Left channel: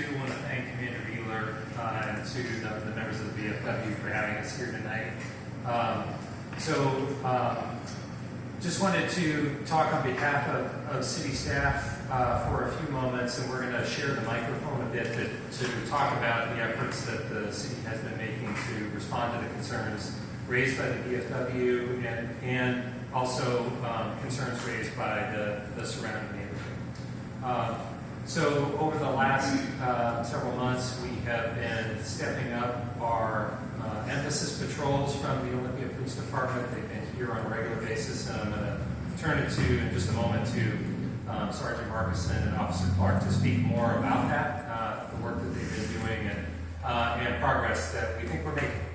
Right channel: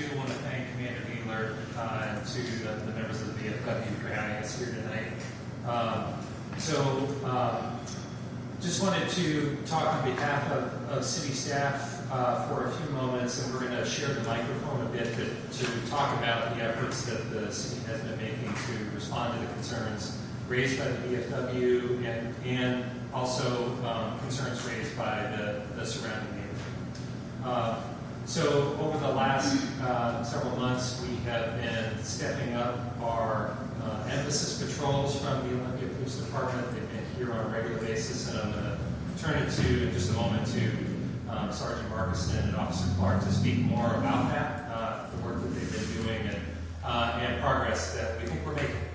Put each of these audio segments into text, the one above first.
too want to thank Commander Mueller and to the members of the VFW for having us here tonight. Just wanted to talk on behalf of city staff for a few moments, and we're going to share the microphone a bit to talk about the efforts that the city has been making to respond to the concerns raised by the VFW and also concerns raised by the surrounding neighborhood. So over the last several months, we have been stepping up our emphasis patrols from the Olympia Police Department. They've been here on a regular basis, and I'm going to turn it to, in just a moment, to Sergeant Markison and Officer Clark to speak more about that, the work that they've been doing, and progress that we think we're making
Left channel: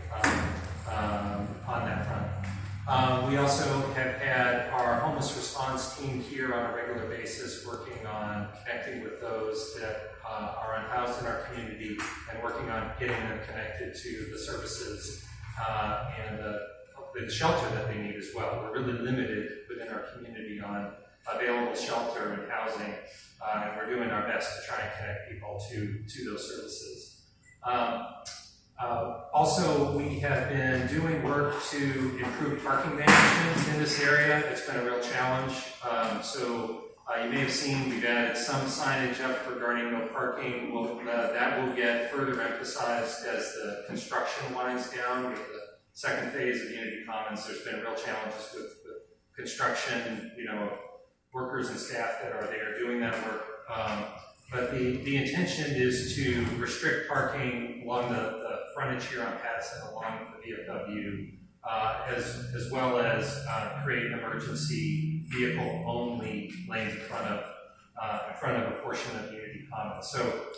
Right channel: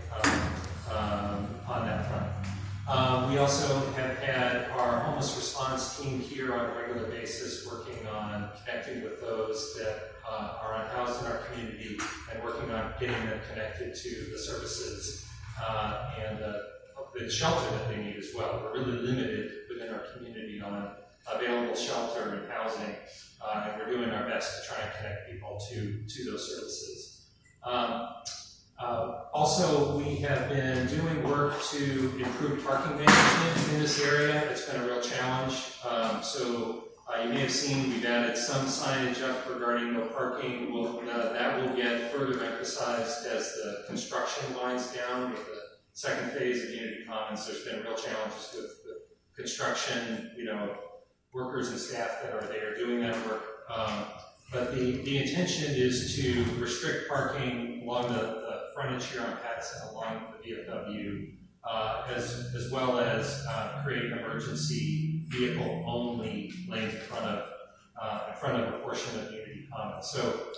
on that front. We also have had our homeless response team here on a regular basis working on connecting with those that are unhoused in our community and working on getting them connected to the services and the shelter that they need as well. We're really limited within our community on available shelter and housing, and we're doing our best to try and connect people to those services. Also, we have been doing work to improve parking management in this area. It's been a real challenge. You may have seen we've added some signage up regarding no parking. That will get further emphasized as the construction winds down with the second phase of Unity Commons. There's been real challenges with construction, workers and staff that are there doing that work. But the intention is to restrict parking along the frontage here on Patterson, along the VFW, as well as create emergency vehicle-only lanes in front of a portion of Unity Commons. So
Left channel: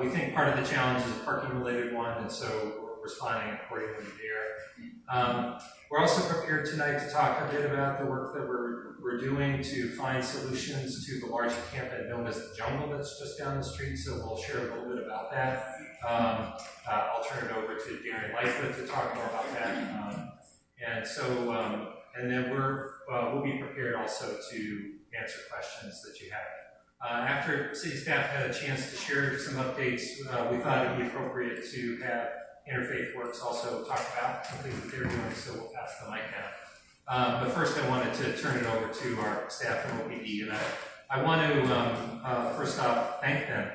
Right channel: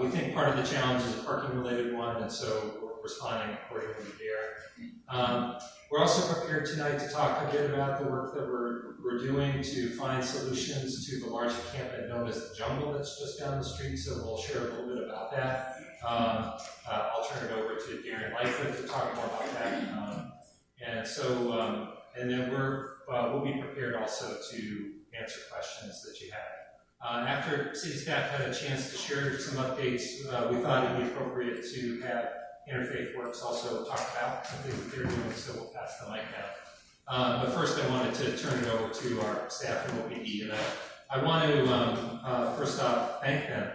we think part of the challenge is a parking-related one, and so we're responding accordingly there. We're also prepared tonight to talk a bit about the work that we're doing to find solutions to the large encampment known as the Jungle that's just down the street, so we'll share a little bit about that. I'll turn it over to Darren Lightfoot to talk more about that. And then we'll be prepared also to answer questions that you have. After city staff had a chance to share some updates, we thought it would be appropriate to have Interfaith Works also talk about something that they're doing, so we'll pass the mic down. But first I wanted to turn it over to our staff from OPD, and I want to first off thank them.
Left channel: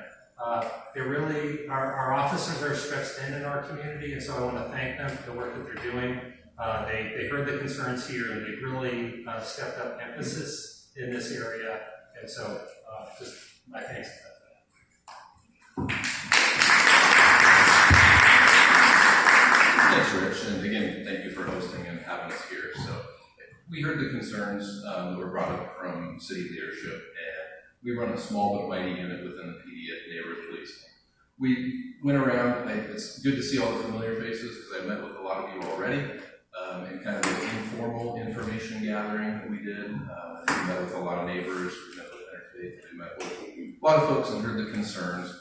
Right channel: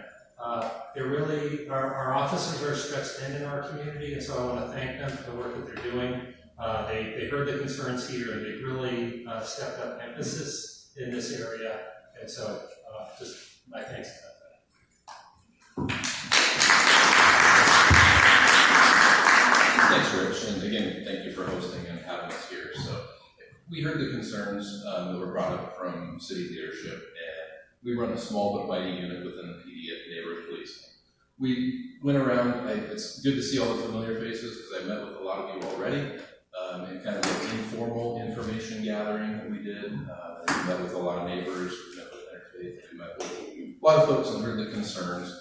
They're really, our officers are stretched thin in our community, and so I want to thank them for the work that they're doing. They heard the concerns here, and they really stepped up emphasis in this area, and so just my thanks to them. Thanks, Rich, and again, thank you for hosting and having us here. So we heard the concerns that were brought up from city leadership, and we run a small but mighty unit within the PD at neighborhood policing. We went around, and it's good to see all the familiar faces because I met with a lot of you already, and kind of an informal information gathering that we did. We met with a lot of neighbors, we met with Interfaith, we met with a lot of folks and heard the concerns.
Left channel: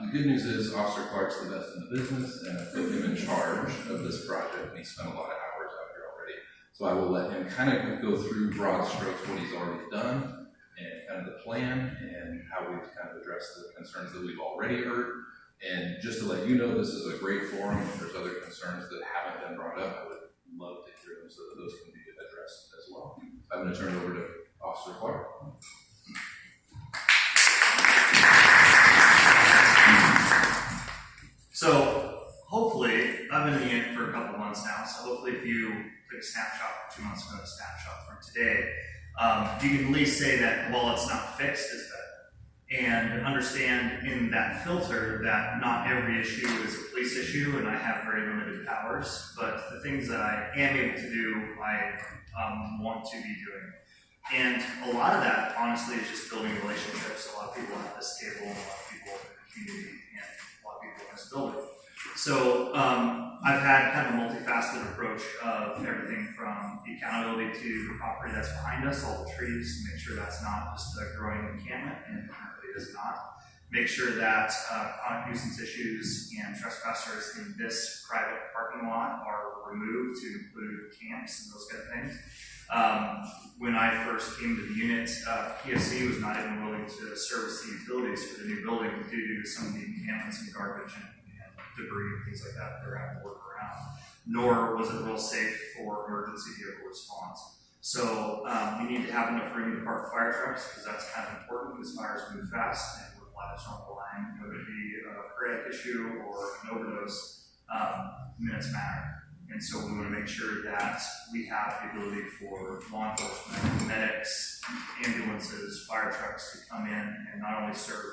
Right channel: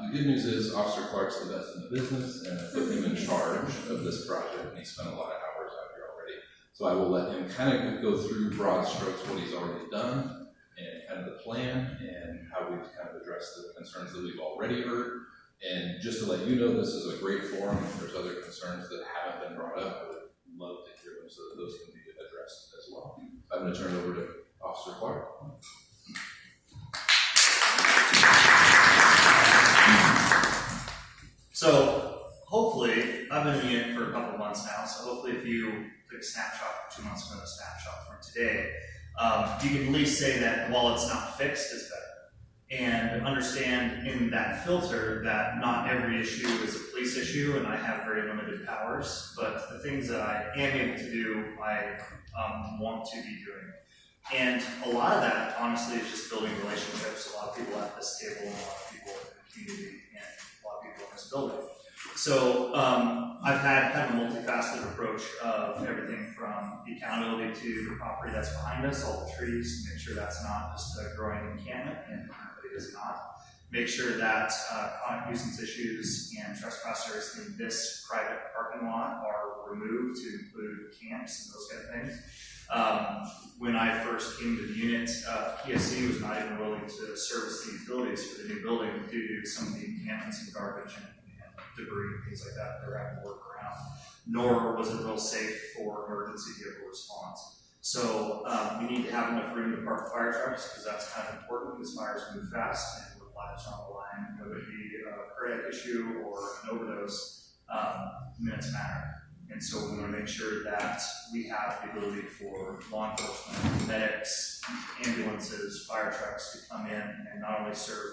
The good news is Officer Clark's the best in the business, and I put him in charge of this project, and he spent a lot of hours out here already. So I will let him kind of go through broad strokes what he's already done, and kind of the plan, and how we've kind of addressed the concerns that we've already heard. And just to let you know, this is a great forum. If there's other concerns that haven't been brought up, I would love to hear them so that those can be addressed as well. I'm going to turn it over to Officer Clark. So hopefully, I've been in the unit for a couple months now, so hopefully if you take a snapshot for 2 months from a snapshot from today, you can at least say that while it's not fixed, it's better. And understand in that filter that not every issue is a police issue, and I have very limited powers, but the things that I am able to do, I want to be doing. And a lot of that, honestly, is just building relationships. A lot of people at this table, and a lot of people in the community, and a lot of people in this building. So I've had kind of a multifaceted approach of everything from the accountability to the property that's behind us, all the trees, to make sure that's not just a growing encampment, and it currently is not. make sure that chronic nuisance issues and trespassers in this private parking lot are removed, to include camps and those kind of things. When I first came to the unit, PSC was not even willing to service the utilities for the new building due to some of the encampments and garbage and debris and things like that they're having to work around. Nor was it real safe for emergency vehicle response. So we need to have enough room to park fire trucks, because that's kind of important, because fires move fast, and with lives on the line, whether it be a cardiac issue or an overdose, minutes matter. And so we want to make sure that we have the ability for law enforcement, medics, ambulances, fire trucks to come in and not only serve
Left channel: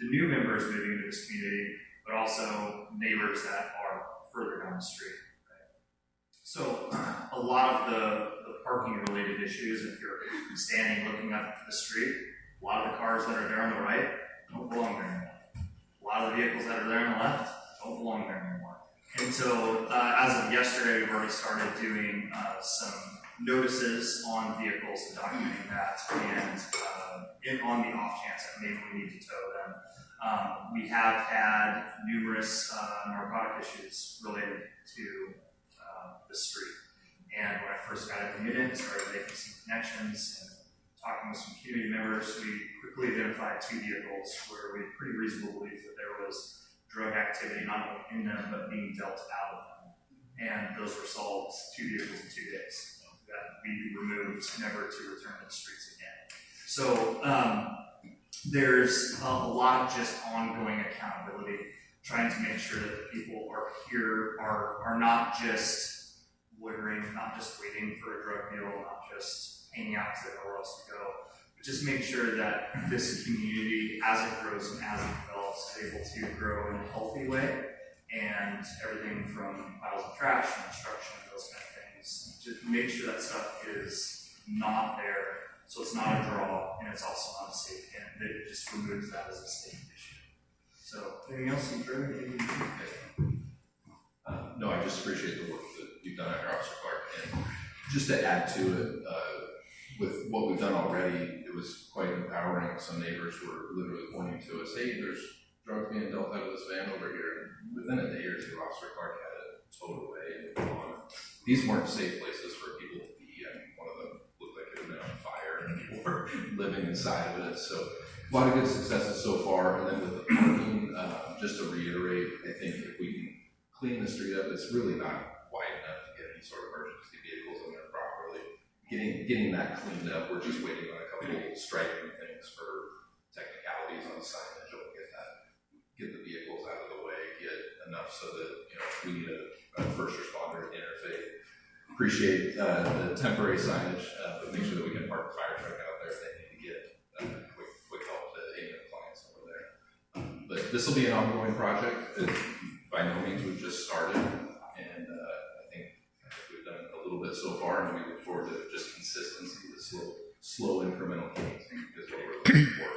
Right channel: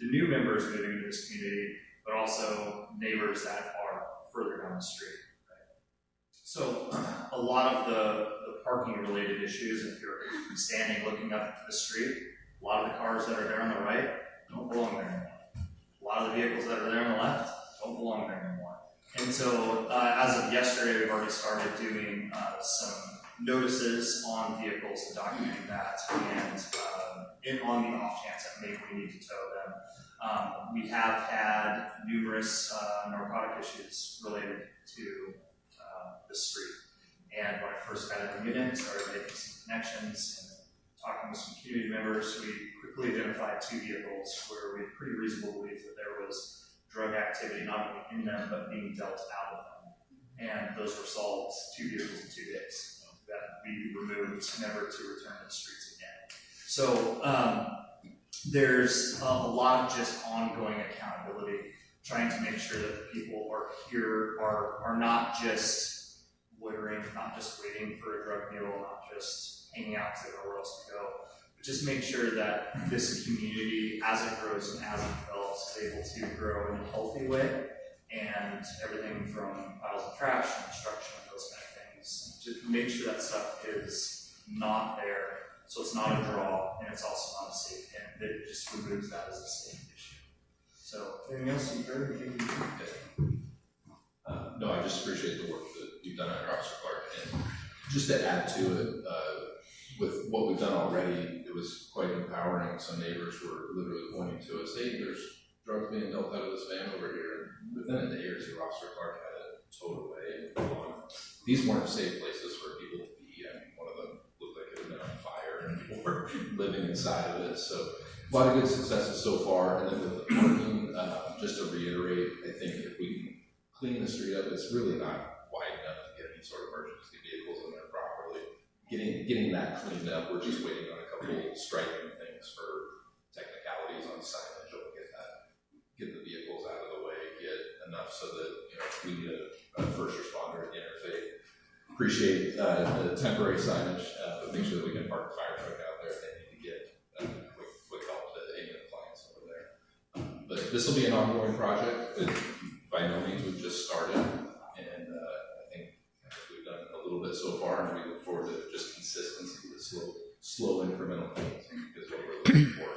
the new members moving into this community, but also neighbors that are further down the street. Right? So a lot of the parking related issues, if you're standing looking up at the street, a lot of the cars that are there on the right don't belong there anymore. A lot of the vehicles that are there on the left don't belong there anymore. And so as of yesterday, we've already started doing some notices on vehicles and documenting that, and on the off chance that maybe we need to tow them. We have had numerous narcotic issues related to the street. And when I first got in the unit, started making some connections and talking with some community members, we quickly identified 2 vehicles where we had pretty reasonable belief that there was drug activity not only in them, but being dealt out of them. And those were solved, 2 vehicles in 2 days that we removed, never to return to the streets again. So there's a lot of just ongoing accountability, trying to make sure that the people are here are not just loitering, not just waiting for a drug deal, not just hanging out because they don't know where else to go, but just make sure that this community, as it grows and as it develops, is able to grow in a healthy way, and everything from piles of trash and destruction and those kind of things, just make sure that stuff is not there, so it's not a draw, and it's also not a safe, and it just removes that as a safe issue. So, anything else you further? No, I just appreciate the work that you've done at Officer Clark, and just to add to it, with what we've done already, it was quite empowering. Some neighbors were literally pointing to us, hey, there's drugs being dealt out of this van over here. Within a day or 2, Officer Clark had it towed away and gone. These weren't safe places for people to be. I mean, one of them looked like it had been on fire and people were living inside of it. So a lot of good successes so far. And then with the parking, just to reiterate, I think if we can clean the street up, it's really not wide enough to get any sort of emergency vehicles in there properly. Getting that cleaned up, we're just waiting on a couple of striking things for technicalities on signage. We'll get the vehicles out of the way, get enough so that, if we need a first responder to interface. Appreciate the temporary signage, but make sure that we can park the fire truck out there if they need to get quick help to any of the clients over there. But this will be an ongoing project. By no means we've just started, and I think we've done a little bit so far, and we look forward to just consistency, the slow incremental gains is what we're looking for.